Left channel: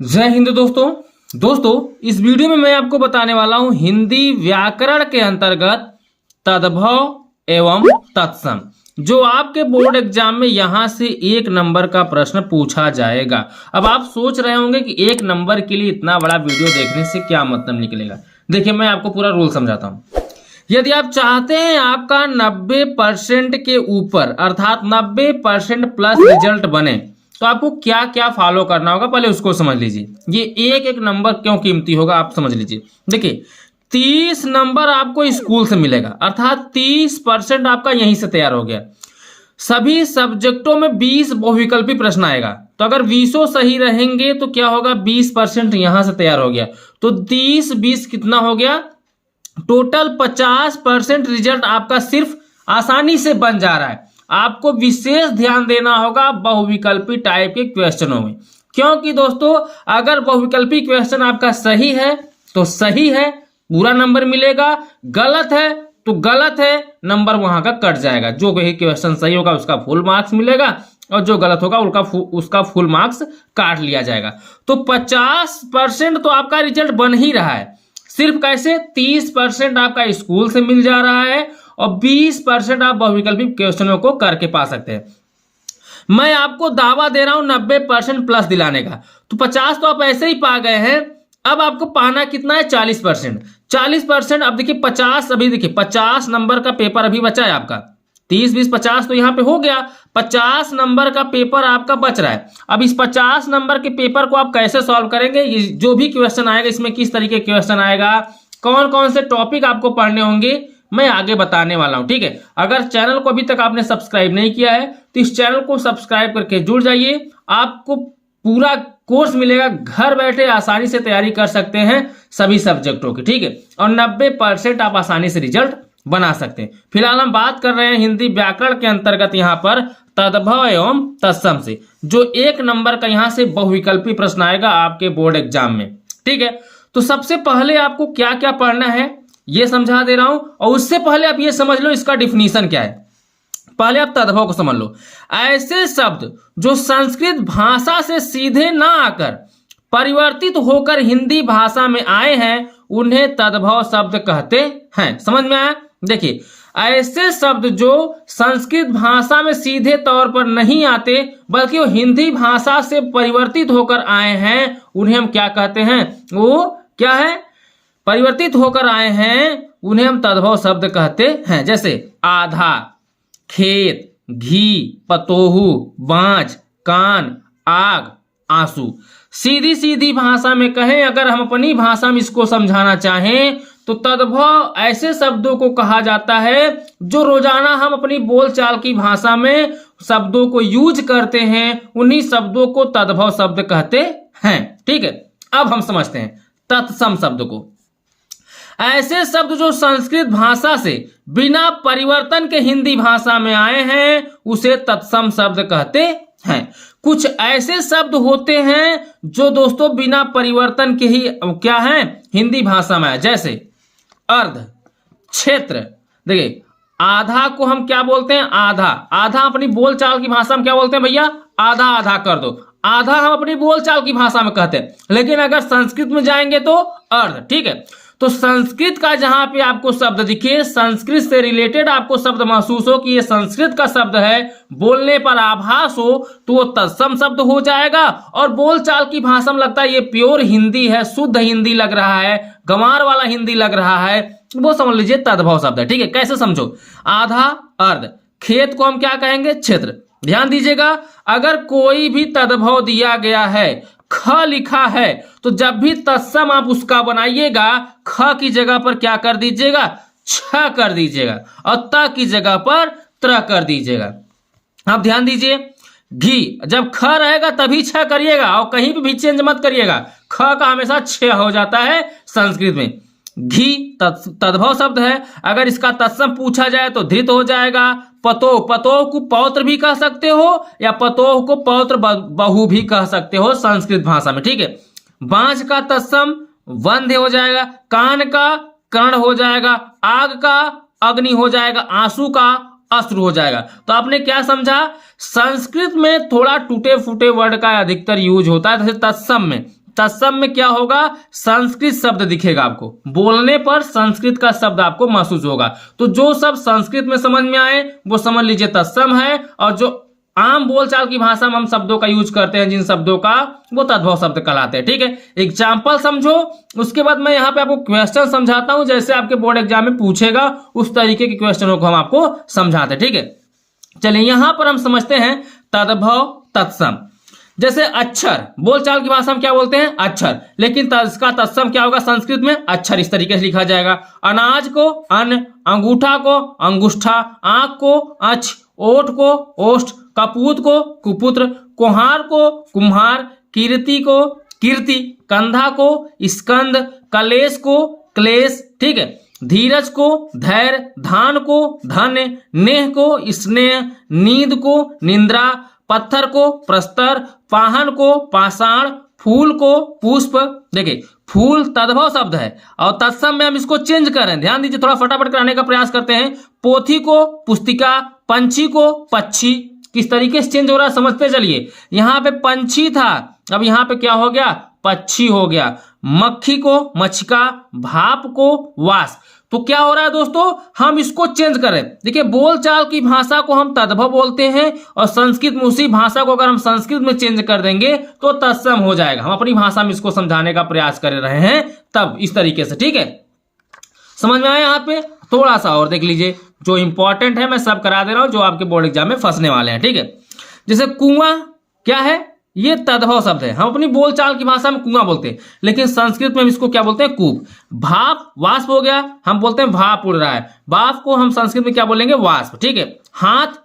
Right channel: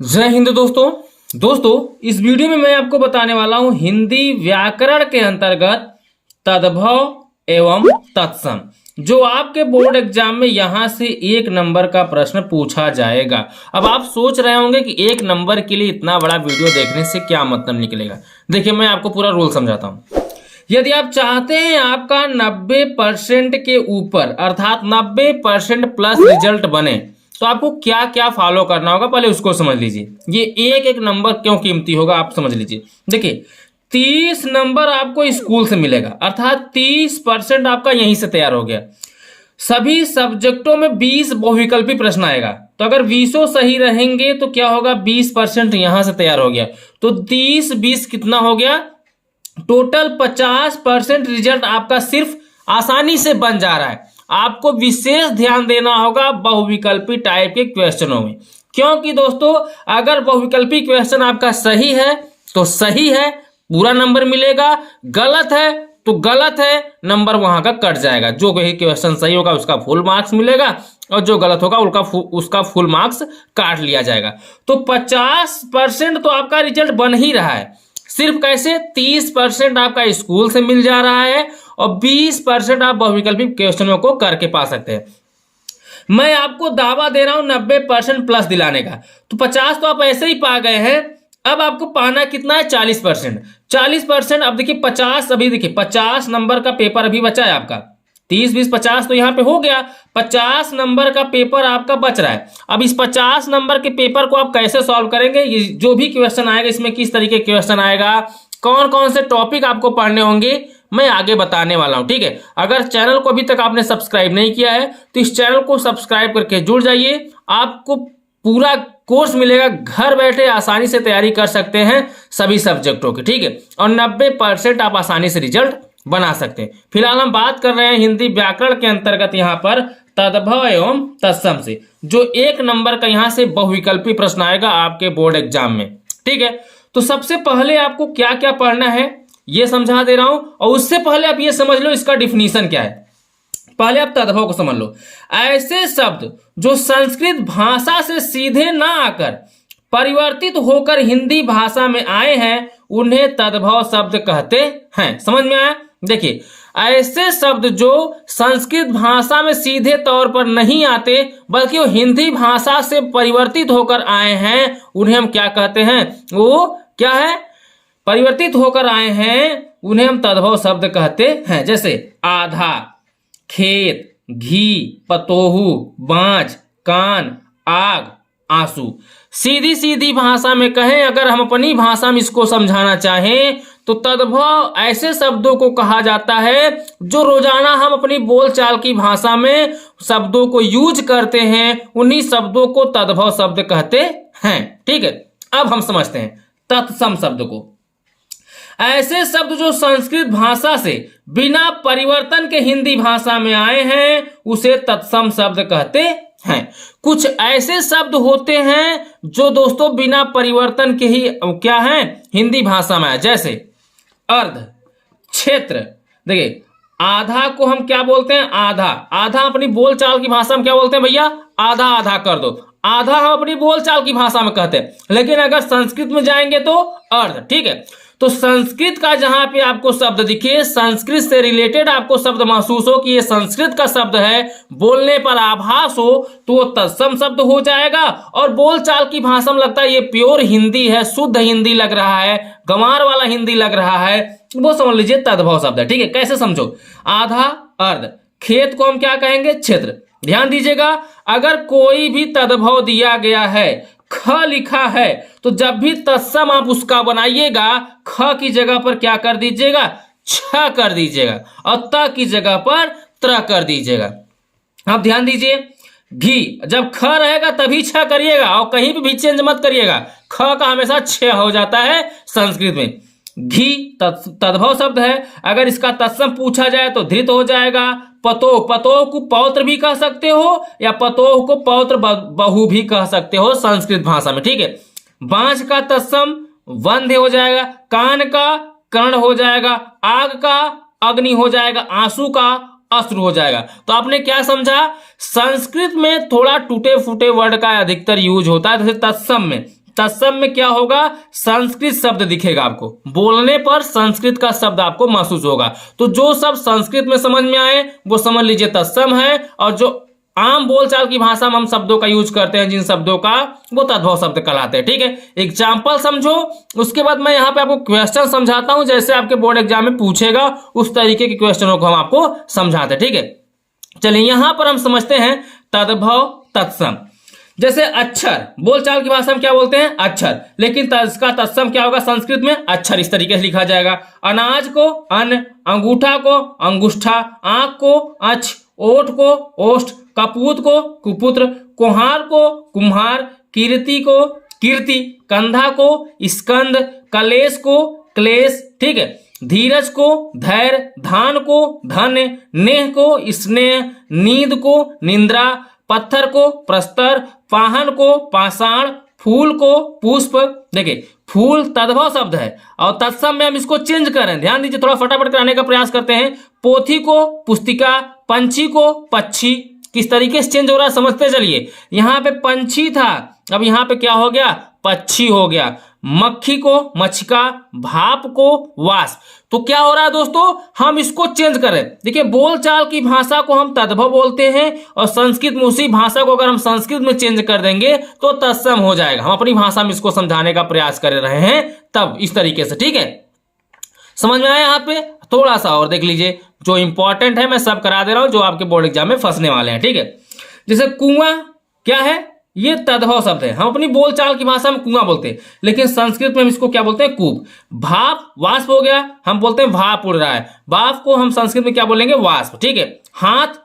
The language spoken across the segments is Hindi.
जय हिंद दोस्तों इस वीडियो में मैं आपको बताने वाला हूं हिंदी व्याकरण के अंतर्गत तद्भव एवं तत्सम जो आपके बोर्ड एग्जाम में यहां से 1 नंबर का प्रश्न पूछा जाएगा। अब आप सोच रहे होंगे कि 1 नंबर के लिए इतना बड़ा वीडियो देखने से क्या मतलब निकलेगा। देखिए मैं आपको पूरा रूल समझाता हूं। यदि आप चाहते हैं आपका 90% के ऊपर अर्थात 90% प्लस रिजल्ट बने तो आपको क्या क्या फॉलो करना होगा पहले उसको समझ लीजिए। ये एक एक नंबर क्यों कीमती होगा आप समझ लीजिए। देखिए 30 नंबर आपको स्कूल से मिलेगा अर्थात 30% आपका यहीं से तैयार हो गया। सभी सब्जेक्टों में 20 बहुविकल्पी प्रश्न आएगा तो अगर 20 सही रहेंगे तो क्या होगा 20% यहां से तैयार हो गया तो 30-20 कितना हो गया टोटल 50% रिजल्ट आपका सिर्फ आसानी से बन जा रहा है। आपको विशेष ध्यान देना होगा बहुविकल्पी टाइप के क्वेश्चनों में, क्योंकि दोस्तों अगर बहुविकल्पी क्वेश्चन आपका सही है तो सही है पूरा नंबर मिलेगा, गलत है तो गलत है नंबर वहां का कट जाएगा। जो क्वेश्चन सही होगा उसका फुल मार्क्स मिलेगा और जो गलत होगा उसका फुल मार्क्स काट लिया जाएगा। तो 50% तो आपका रिजल्ट बन ही रहा है। सिर्फ कैसे 30% आपका स्कूल से मिल जा रहा है और 20% आप बहुविकल्पी क्वेश्चनों को करके पा सकते हैं। मैं आपको दावा दे रहा हूं 90% प्लस दिलाने का। तो 50 तो आप ऐसे ही पा गए हैं, अब आपको पाना कितना है 40%। 40% अब देखिए 50 अभी देखिए 50 नंबर का पेपर अभी बचा है आपका। 30-20-50 तो यहाँ पे हो गया, 50 नंबर का पेपर आपका बच रहा है। अब इस 50 नंबर के पेपर को आप कैसे सॉल्व करेंगे, ये जो भी क्वेश्चन आएगा इसमें किस तरीके क्वेश्चन आएगा, कौन कौन से टॉपिक आपको पढ़ने होंगे मैं आगे बताने वाला हूं। ठीक है, अगर चैनल को अभी तक आपने सब्सक्राइब नहीं किया है तो इस चैनल को सब्सक्राइब करके जुड़ जाइए। आपको पूरा कोर्स मिलेगा, घर बैठे आसानी से तैयारी कर सकते हैं सभी सब्जेक्टों की। ठीक है, और 90% आप आसानी से रिजल्ट बना सकते हैं। फिलहाल हम बात कर रहे हैं हिंदी व्याकरण के अंतर्गत यहाँ पर तद्भव एवं तत्सम से, जो 1 नंबर का यहाँ से बहुविकल्पी प्रश्न आएगा आपके बोर्ड एग्जाम में। ठीक है, तो सबसे पहले आपको क्या क्या पढ़ना है ये समझा दे रहा हूं, और उससे पहले आप ये समझ लो इसका डिफिनीशन क्या है। पहले आप तद्भव को समझ लो। ऐसे शब्द जो संस्कृत भाषा से सीधे ना आकर परिवर्तित होकर हिंदी भाषा में आए हैं उन्हें तद्भव शब्द कहते हैं। समझ में आया? देखिए ऐसे शब्द जो संस्कृत भाषा में सीधे तौर पर नहीं आते बल्कि वो हिंदी भाषा से परिवर्तित होकर आए हैं उन्हें हम क्या कहते हैं, वो क्या है परिवर्तित होकर आए हैं उन्हें हम तद्भव शब्द कहते हैं। जैसे आधा, खेत, घी, पतोहू, बाँझ, कान, आग, आंसू। सीधी सीधी भाषा में कहें, अगर हम अपनी भाषा में इसको समझाना चाहें तो तद्भव ऐसे शब्दों को कहा जाता है जो रोजाना हम अपनी बोलचाल की भाषा में शब्दों को यूज करते हैं, उन्हीं शब्दों को तद्भव शब्द कहते हैं। ठीक है, अब हम समझते हैं तत्सम शब्द को। ऐसे शब्द जो संस्कृत भाषा से बिना परिवर्तन के हिंदी भाषा में आए हैं उसे तत्सम शब्द कहते हैं। कुछ ऐसे शब्द होते हैं जो दोस्तों बिना परिवर्तन के ही क्या हैं हिंदी भाषा में आए, जैसे अर्ध, क्षेत्र। देखिए आधा को हम क्या बोलते हैं, आधा। आधा अपनी बोलचाल की भाषा में क्या बोलते हैं भैया, आधा आधा कर दो। आधा हम अपनी बोलचाल की भाषा में कहते हैं, लेकिन अगर संस्कृत में जाएंगे तो अर्ध। ठीक है, तो संस्कृत का जहां पे आपको शब्द दिखे, संस्कृत से रिलेटेड आपको शब्द महसूस हो कि ये संस्कृत का शब्द है, बोलने पर आभास हो तो वो तत्सम शब्द हो जाएगा। और बोलचाल की भाषा में लगता है ये प्योर हिंदी है, शुद्ध हिंदी लग रहा है, गंवार वाला हिंदी लग रहा है, वो समझ लीजिए तद्भव शब्द है। ठीक है, कैसे समझो, आधा अर्ध, खेत को हम क्या कहेंगे, क्षेत्र। ध्यान दीजिएगा, अगर कोई भी तद्भव दिया गया है, ख लिखा है, तो जब भी तत्सम आप उसका बनाइएगा ख की जगह पर क्या कर दीजिएगा, छ कर दीजिएगा, और त की जगह पर त्र कर दीजिएगा। अब ध्यान दीजिए, घी जब ख रहेगा तभी छ करिएगा और कहीं भी चेंज मत करिएगा, ख का हमेशा छ हो जाता है संस्कृत में। घी तद्भव शब्द है, अगर इसका तत्सम पूछा जाए तो धृत हो जाएगा। पतोह, पतोह को पौत्र भी कह सकते हो या पतोह को पौत्र बहु भी कह सकते हो संस्कृत भाषा में। ठीक है, बाँझ का तत्सम वंध्य हो जाएगा, कान का कर्ण हो जाएगा, आग का अग्नि हो जाएगा, आंसू का अश्रु हो जाएगा। तो आपने क्या समझा, संस्कृत में थोड़ा टूटे फूटे वर्ड का अधिकतर यूज होता है, जैसे तत्सम में तत्सम में क्या होगा, संस्कृत शब्द दिखेगा आपको, बोलने पर संस्कृत का शब्द आपको महसूस होगा। तो जो सब संस्कृत में समझ में आए वो समझ लीजिए तत्सम है, और जो आम बोलचाल की भाषा में हम शब्दों का यूज करते हैं जिन शब्दों का, वो तद्भव शब्द कहलाते हैं। ठीक है, एग्जाम्पल समझो, उसके बाद मैं यहाँ पे आपको क्वेश्चन समझाता हूं, जैसे आपके बोर्ड एग्जाम में पूछेगा उस तरीके के क्वेश्चनों को हम आपको समझाते हैं। ठीक है, चलिए यहां पर हम समझते हैं तद्भव तत्सम। जैसे अक्षर, बोलचाल की भाषा में क्या बोलते हैं, अक्षर, लेकिन इसका तत्सम क्या होगा संस्कृत में, अक्षर इस तरीके से लिखा जाएगा। अनाज को अन्न, अंगूठा को अंगुष्ठा, आंख को अक्ष, ओठ को ओष्ठ, कपूत को कुपुत्र, कुम्हार को कुम्हार, कीर्ति को कीर्ति, कंधा को स्कंद, कलेश को क्लेश। ठीक है, धीरज को धैर्य, धान को धन्य, नेह को स्नेह, नींद को निंद्रा, पत्थर को प्रस्तर, पाहन को पाषाण, फूल को पुष्प। देखिए फूल तद्भव शब्द है और तत्सम में हम इसको चेंज कर रहे हैं, ध्यान दीजिए, थोड़ा फटाफट कराने का प्रयास करते हैं। पोथी को पुस्तिका, पंछी को पक्षी, किस तरीके से चेंज हो रहा है समझते चलिए। यहां पे पंछी था, अब यहां पे क्या हो गया, पक्षी हो गया। मक्खी को मछका, भाप को वाष्प। तो क्या हो रहा है दोस्तों, हम इसको चेंज करें। देखिए बोलचाल की भाषा को हम तद्भव बोलते हैं और संस्कृत में उसी भाषा को अगर हम संस्कृत में चेंज कर देंगे तो तत्सम हो जाएगा। हम अपनी भाषा में इसको समझाने का प्रयास कर रहे हैं तब इस तरीके से। ठीक है, समझ में आया। यहाँ पे थोड़ा सा और देख लीजिए, जो इंपॉर्टेंट है मैं सब करा दे रहा हूं जो आपके बोर्ड एग्जाम में फंसने वाले हैं। ठीक है, जैसे कुआं क्या है, ये तद्भव शब्द है, हम अपनी बोलचाल की भाषा में कुआं बोलते हैं, लेकिन संस्कृत में हम इसको क्या बोलते हैं, कूप। भाप वाष्प हो गया, हम बोलते हैं भाप उड़ रहा है, भाप को हम संस्कृत में क्या बोलेंगे, वाष्प। ठीक है, हाथ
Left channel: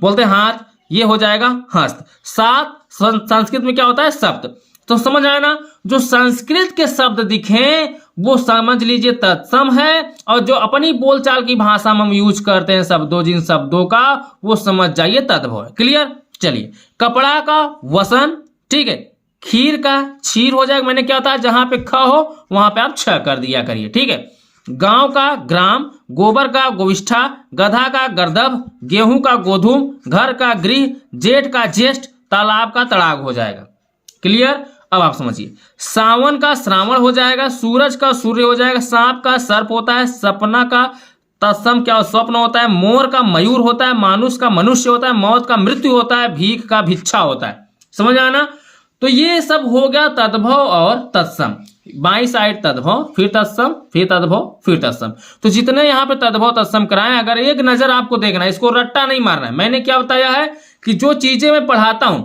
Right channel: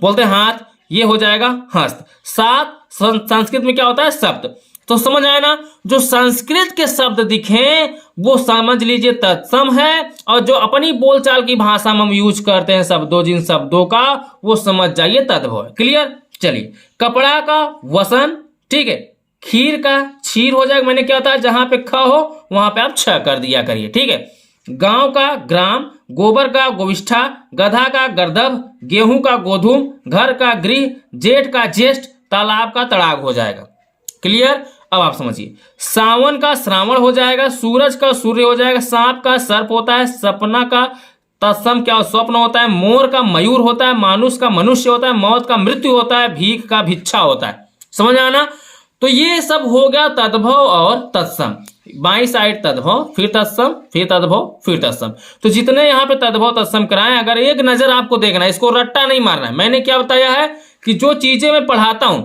बोलते हैं हाथ, ये हो जाएगा हस्त। सात संस्कृत में क्या होता है, सप्त। तो समझ आया ना, जो संस्कृत के शब्द दिखे वो समझ लीजिए तत्सम है, और जो अपनी बोलचाल की भाषा में हम यूज करते हैं शब्दों, जिन शब्दों का, वो समझ जाइए तद्भव है। क्लियर। चलिए, कपड़ा का वसन, ठीक है, खीर का क्षीर हो जाएगा। मैंने क्या होता है, जहां पे ख हो वहां पे आप छ कर दिया करिए। ठीक है, गांव का ग्राम, गोबर का गोविष्ठा, गधा का गर्दभ, गेहूं का गोधूम, घर का गृह, जेठ का ज्येष्ठ, तालाब का तड़ाग हो जाएगा। क्लियर। अब आप समझिए, सावन का श्रावण हो जाएगा, सूरज का सूर्य हो जाएगा, सांप का सर्प होता है, सपना का तत्सम क्या स्वप्न होता है, मोर का मयूर होता है, मानुष का मनुष्य होता है, मौत का मृत्यु होता है, भीख का भिक्षा होता है। समझ आना। तो ये सब हो गया तद्भव और तत्सम। बाई साइड तद्भव, फिर तत्सम, फिर तद्भव, फिर तत्सम। तो जितने यहाँ पे तद्भव तत्सम कराएं, अगर एक नजर आपको देखना है, इसको रट्टा नहीं मारना है। मैंने क्या बताया है कि जो चीजें मैं पढ़ाता हूं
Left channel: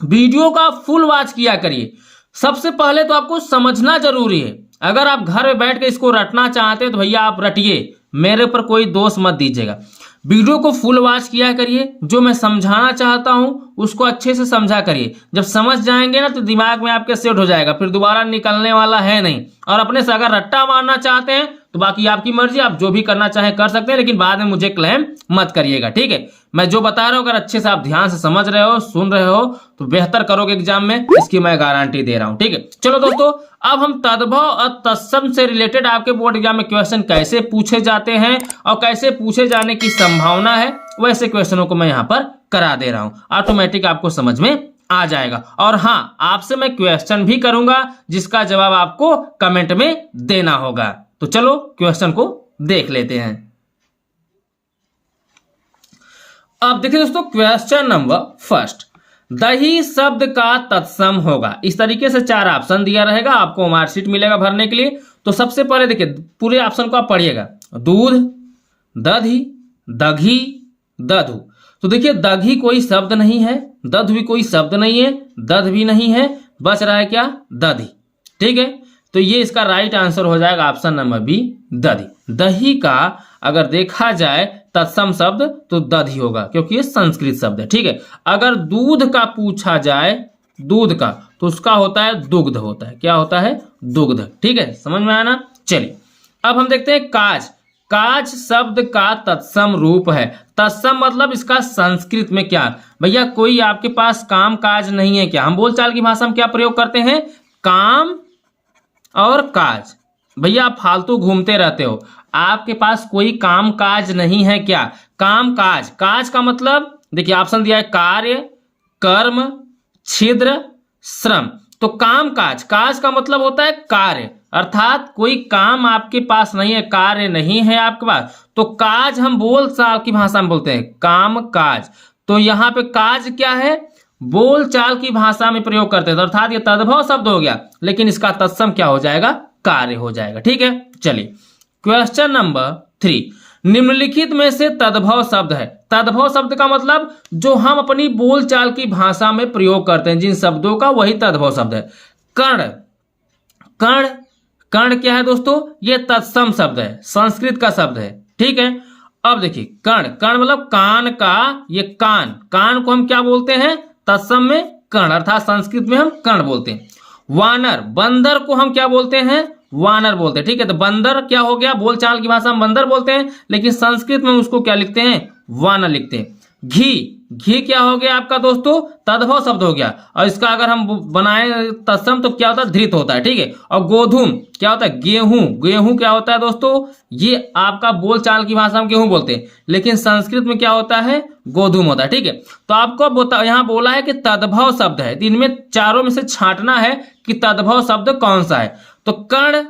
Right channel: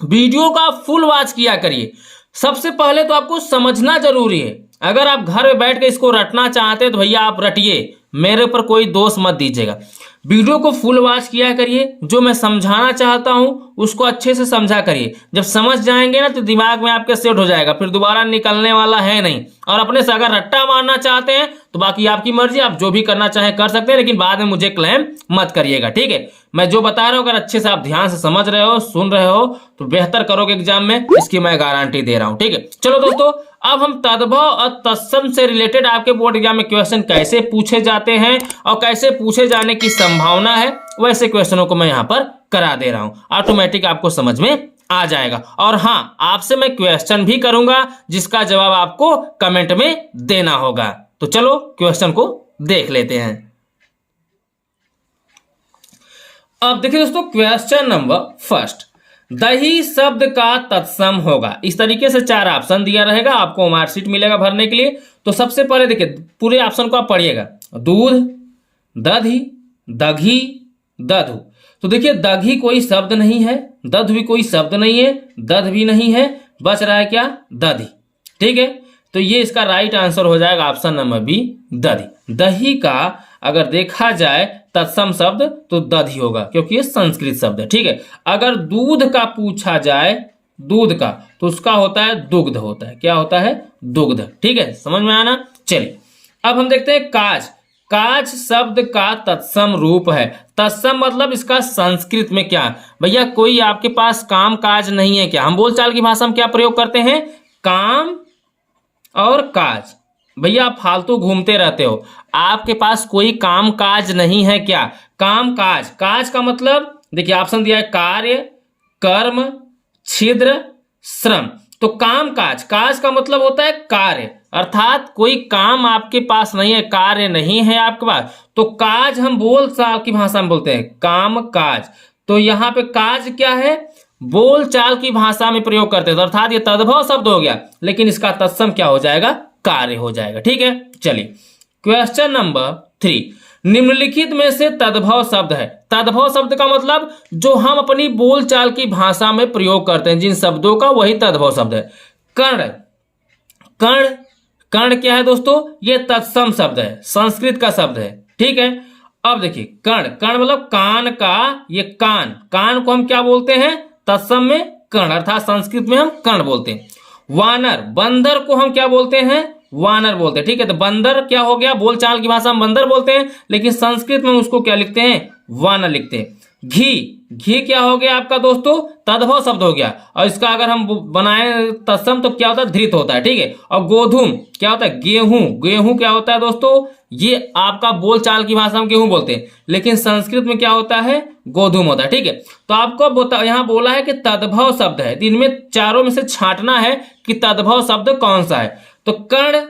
वीडियो का फुल वॉच किया करिए। सबसे पहले तो आपको समझना जरूरी है। अगर आप घर में बैठ के इसको रटना चाहते हैं तो भैया आप रटिए, मेरे ऊपर कोई दोष मत दीजिएगा। वीडियो को फुल वॉच किया करिए, जो मैं समझाना चाहता हूं उसको अच्छे से समझा करिए। जब समझ जाएंगे ना तो दिमाग में आपके सेट हो जाएगा, फिर दोबारा निकलने वाला है नहीं। और अपने से अगर रट्टा मारना चाहते हैं तो बाकी आपकी मर्जी, आप जो भी करना चाहें कर सकते हैं, लेकिन बाद में मुझे क्लेम मत करिएगा। ठीक है, मैं जो बता रहा हूं अगर अच्छे से आप ध्यान से समझ रहे हो, सुन रहे हो, तो बेहतर करोगे एग्जाम में, इसकी मैं गारंटी दे रहा हूं। ठीक है, चलो दोस्तों, अब हम तद्भव और तत्सम से रिलेटेड आपके बोर्ड एग्जाम में क्वेश्चन कैसे पूछे जाते हैं और कैसे पूछे जाने की संभावना है, वैसे क्वेश्चनों को मैं यहां पर करा दे रहा हूं। ऑटोमेटिक आपको समझ में आ जाएगा। और हाँ, आपसे मैं क्वेश्चन भी करूंगा जिसका जवाब आपको कमेंट में देना होगा। तो चलो क्वेश्चन को देख लेते हैं। अब देखिए दोस्तों, क्वेश्चन नंबर फर्स्ट, दही शब्द का तत्सम होगा। इस तरीके से 4 ऑप्शन दिया रहेगा, आपको मार्कशीट मिलेगा भरने के लिए। तो सबसे पहले देखिए पूरे ऑप्शन को आप पढ़िएगा, दूध, दधी, दघी, दधु। तो देखिए दघी कोई शब्द नहीं है, दध भी कोई शब्द नहीं है, दध भी नहीं है, बच रहा है क्या, दधी। ठीक है, तो ये इसका राइट आंसर हो जाएगा ऑप्शन नंबर बी, दधी। दही का अगर देखा जाए तत्सम शब्द तो दधी होगा, क्योंकि ये संस्कृत शब्द है। ठीक है, अगर दूध का पूछा जाए, दूध का, तो उसका होता है दुग्ध होता है। क्या होता है, दुग्ध। ठीक है, समझ में आया ना। चलिए अब हम देखते हैं काज। काज शब्द का तत्सम रूप है। तत्सम मतलब इसका संस्कृत में क्या, भैया कोई आपके पास काम काज नहीं है क्या। हम बोलचाल की भाषा में क्या प्रयोग करते हैं, काम और काज। भैया आप फालतू घूमते रहते हो, आपके पास कोई काम काज नहीं है क्या, काम काज। काज का मतलब देखिए ऑप्शन दिया है, कार्य, कर्म, छिद्र, श्रम। तो काम काज, काज का मतलब होता है कार्य, अर्थात कोई काम आपके पास नहीं है, कार्य नहीं है आपके पास, तो काज हम बोल चाल की भाषा में बोलते हैं काम काज। तो यहाँ पे काज क्या है, बोल चाल की भाषा में प्रयोग करते हैं, तो अर्थात ये तद्भव शब्द हो गया, लेकिन इसका तत्सम क्या हो जाएगा, कार्य हो जाएगा। ठीक है, चलिए क्वेश्चन नंबर 3, निम्नलिखित में से तद्भव शब्द है। तद्भव शब्द का मतलब जो हम अपनी बोलचाल की भाषा में प्रयोग करते हैं, जिन शब्दों का, वही तद्भव शब्द है। कर्ण, कर्ण, कर्ण क्या है दोस्तों, ये तत्सम शब्द है, संस्कृत का शब्द है। ठीक है, अब देखिए कर्ण, कर्ण मतलब कान का, ये कान, कान को हम क्या बोलते हैं, तत्सम में कर्ण, अर्थात संस्कृत में हम कर्ण बोलते हैं। वानर, बंदर को हम क्या बोलते हैं, वानर बोलते हैं। ठीक है, तो बंदर क्या हो गया, बोलचाल की भाषा में बंदर बोलते हैं, लेकिन संस्कृत में उसको क्या लिखते हैं, वानर लिखते हैं। घी, घी क्या हो गया आपका दोस्तों, तद्भव शब्द हो गया, और इसका अगर हम बनाए तत्सम तो क्या होता है, धृत होता है। ठीक है, और गोधूम क्या होता है, गेहूं, गेहूं क्या होता है दोस्तों, ये आपका बोलचाल की भाषा में गेहूं बोलते हैं, लेकिन संस्कृत में क्या होता है, गोधूम होता है। ठीक है, तो आपको यहाँ बोला है कि तद्भव शब्द है, इनमें चारों में से छांटना है कि तद्भव शब्द कौन सा है। तो कर्ण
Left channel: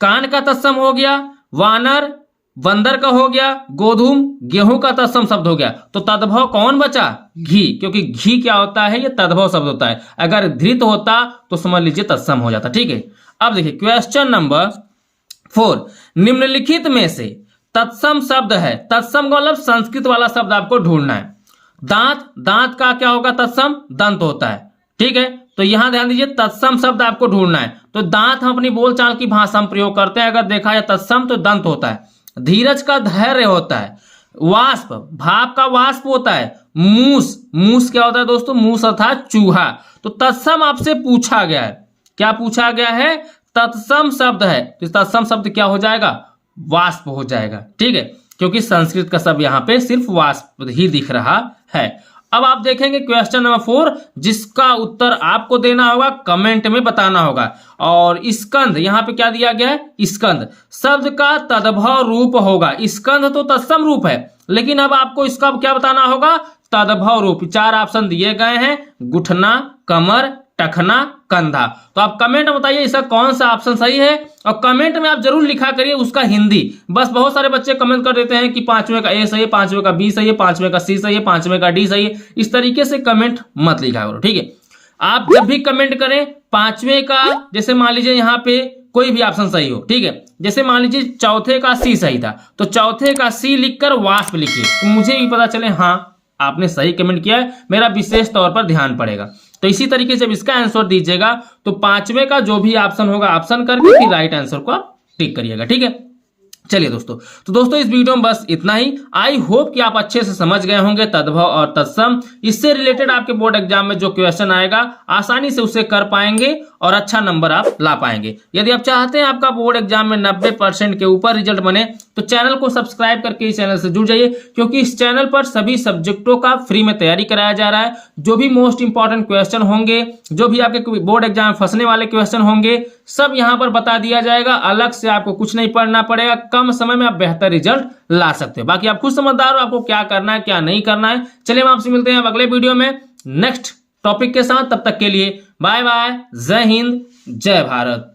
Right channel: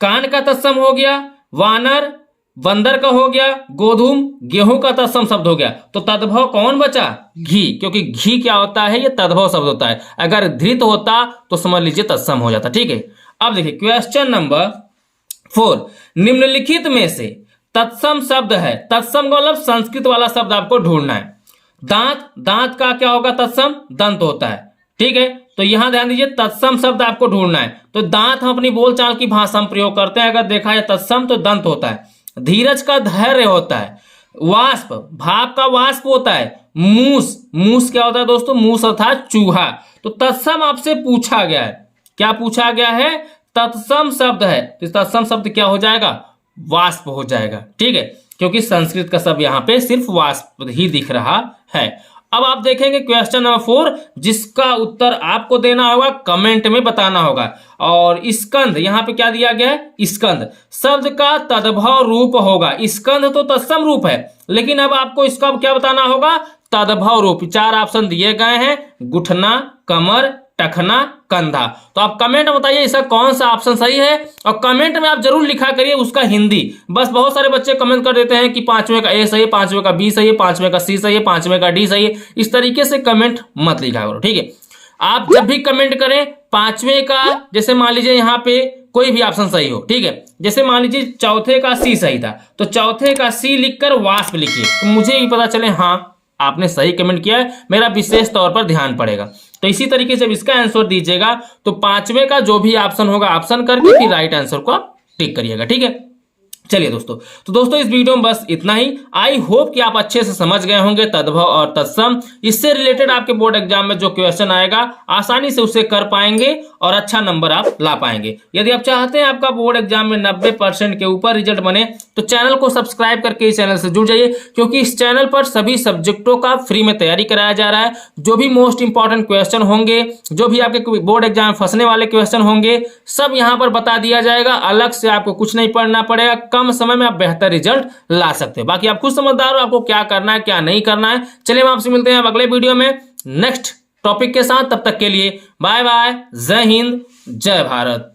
कान का तत्सम हो गया, वानर बंदर का हो गया, गोधूम गेहूं का तत्सम शब्द हो गया, तो तद्भव कौन बचा, घी, क्योंकि घी क्या होता है, ये तद्भव शब्द होता है, अगर धृत होता तो समझ लीजिए तत्सम हो जाता। ठीक है, अब देखिए क्वेश्चन नंबर 4, निम्नलिखित में से तत्सम शब्द है, तत्सम का मतलब संस्कृत वाला शब्द आपको ढूंढना है। दांत, दांत का क्या होगा तत्सम, दंत होता है। ठीक है, तो यहां ध्यान दीजिए तत्सम शब्द आपको ढूंढना है, तो दांत हम अपनी बोलचाल की भाषा में प्रयोग करते हैं, अगर देखा है तत्सम तो दंत होता है। धीरज का धैर्य होता है। वाष्प, भाप का वाष्प होता है। मूस, मूस क्या होता है दोस्तों, मूस अर्थात चूहा। तो तत्सम आपसे पूछा गया है, क्या पूछा गया है, तत्सम शब्द है, तो तत्सम शब्द क्या हो जाएगा, वाष्प हो जाएगा। ठीक है, क्योंकि संस्कृत का शब्द यहाँ पे सिर्फ वाष्प ही दिख रहा है। अब आप देखेंगे क्वेश्चन नंबर 4, जिसका उत्तर आपको देना होगा, कमेंट में बताना होगा। और स्कंद, यहाँ पे क्या दिया गया है, स्कंद शब्द का तद्भव रूप होगा। स्कंद तो तत्सम रूप है, लेकिन अब आपको इसका क्या बताना होगा, तद्भव रूप। 4 ऑप्शन दिए गए हैं, गुठना, कमर, टखना, कंधा। तो आप कमेंट में बताइए इसका कौन सा ऑप्शन सही है, और कमेंट में आप जरूर लिखा करिए उसका हिंदी। बस बहुत सारे बच्चे कमेंट कर देते हैं कि 5वें का ए सही है, 5वें का बी सही है, 5वें का सी सही है, 5वें का डी सही है। इस तरीके से कमेंट मत लिखा करो। ठीक है, आप जब भी कमेंट करें 5वें का, जैसे मान लीजिए यहाँ पे कोई भी ऑप्शन सही हो, ठीक है, जैसे मान लीजिए चौथे का सी सही था, तो चौथे का सी लिखकर वाष्प लिखिए, तो मुझे भी पता चले हाँ आपने सही कमेंट किया है, मेरा विशेष तौर पर ध्यान पड़ेगा। तो इसी तरीके से जब इसका आंसर दीजिएगा तो 5वें का जो भी ऑप्शन होगा ऑप्शन करके फिर राइट आंसर को आप टिक करिएगा। ठीक है, चलिए दोस्तों, तो दोस्तों इस वीडियो में बस इतना ही। आई होप कि आप अच्छे से समझ गए होंगे तद्भव और तत्सम। इससे रिलेटेड आपके बोर्ड एग्जाम में जो क्वेश्चन आएगा आसानी से उसे कर पाएंगे और अच्छा नंबर आप ला पाएंगे। यदि आप चाहते हैं आपका बोर्ड एग्जाम में 90% के ऊपर रिजल्ट बने तो चैनल को सब्सक्राइब करके इस चैनल से जुड़ जाइए, क्योंकि इस चैनल पर सभी सब्जेक्टों का फ्री में तैयारी कराया जा रहा है। जो भी मोस्ट इंपॉर्टेंट क्वेश्चन होंगे, जो भी आपके बोर्ड एग्जाम में फंसने वाले क्वेश्चन होंगे, सब यहाँ पर बता दिया जाएगा। अलग से आपको कुछ नहीं पढ़ना पड़ेगा, कम समय में आप बेहतर रिजल्ट ला सकते हैं। बाकी आप खुद समझदार हो आपको क्या करना है क्या नहीं करना है। चलिए हम आपसे मिलते हैं अगले वीडियो में नेक्स्ट टॉपिक के साथ। तब तक के लिए बाय बाय, जय हिंद, जय भारत।